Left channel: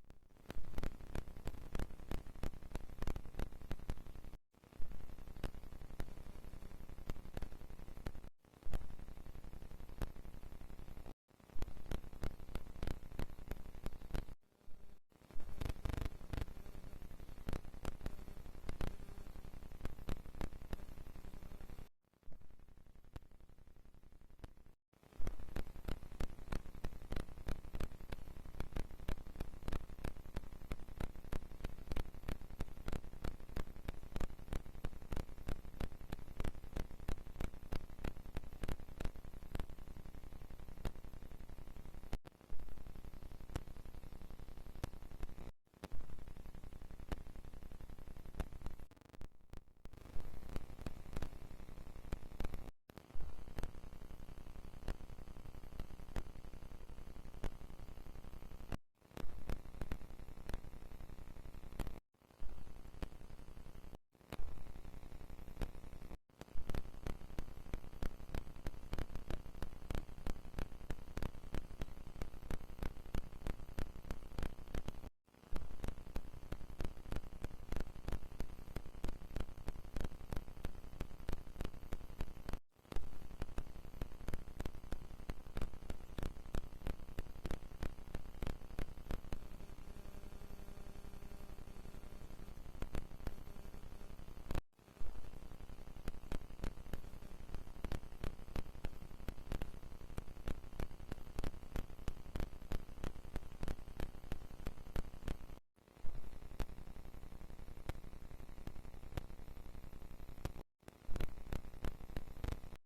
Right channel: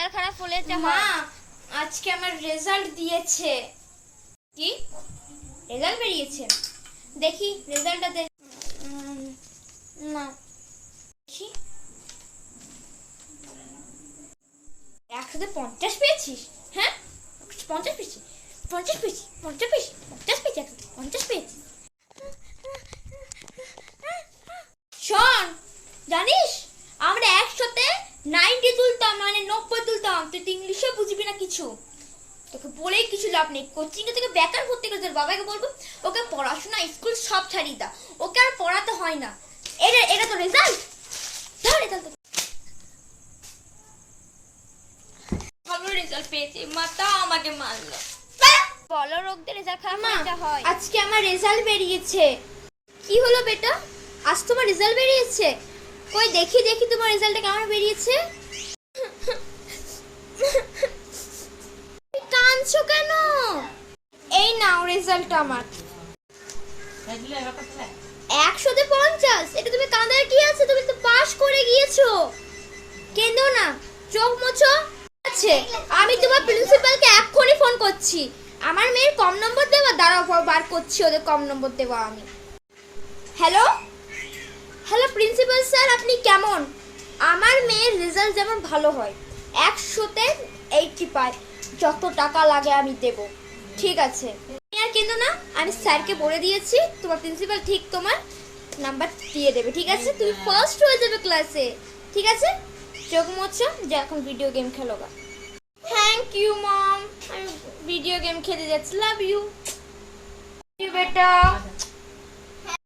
Result খারাপ হলে মা আজকে আমার রেজাল্ট দিয়েছে। কি? রেজাল্ট বেরিয়েছে? দেখি রেজাল্টটা দে। না। দেখি। একসাথে পঞ্চাশ পেয়েছিস? হ্যাঁ? পঞ্চাশ পেয়েছি। পঞ্চাশ পেয়েছি। পঞ্চাশ পেয়েছি। পঞ্চাশ পেয়েছি। একসাথে পঞ্চাশ পেয়েছি। শোন জানিস আমরা একসাথে নাইনটি তুলতাম মানে তুলতাম তুই তো ইংলিশে বুঝবি না কিছু। তোকে বলেই কিছু লাভ নেই। কোচিং থেকে বেকার ভর্তি করে তোর বাবাকে বলব ওকে পড়াশোনা স্কুল সব ছাড়িয়ে দাও ওকে আর পড়াতে হয় না। এটা এটা তো রেজাল্ট ধর রেজাল্ট ভালো রেজাল্ট পেয়েছি। মা তাও আমাকে মারলো। বলো রোগদের রেজাল্ট খারাপ হয়। আজকে আমার রেজাল্ট বেরিয়েছে। কি হলো বেটা? আজ তোমার রেজাল্ট বেরিয়েছে? কই দেখি দেখি তোমার রেজাল্টটা কেমন বেরিয়েছে? কাঁদছো কেন? এই নাও রেজাল্ট আমার। একশোতে পঞ্চাশ। এটা তুমি কাঁদার কি আছে? তুমি তো পাশ করে গিয়েছো। কেঁদো না। চোখ মোছো। আছে। আমি তোমার প্রিন্সিপালকে এক্ষুনি ফোন করছি। আমার মেয়ের কম নম্বর দেওয়া? দাঁড়াও বার করছি ওদের কম নম্বর দেওয়া আমি। হ্যালো হ্যালো প্রিন্সিপাল স্যার আপনি কেমন? আমার মেয়ের রেজাল্ট যেমন ভালো হয়। একশোতে এইটটি পাই যত টাকা লাগে আমি দেব। ঠিক আছে। আর কিন্তু না, আমি স্যারকে বলে দিয়েছি, তোমার প্রিন্সিপাল ঠিক তোমার নাম্বার দিয়ে দেবে, ঠিক আছে? তুমি ফার্স্ট হয়ে যাবে ক্লাসে ঠিক আছে? চোখ মোছো, যে এখন ভিডিও গেম খেলো গা। থ্যাংক ইউ মম আমি ভিডিও গেম খেলে যাচ্ছি লাভ ইউ বেটা।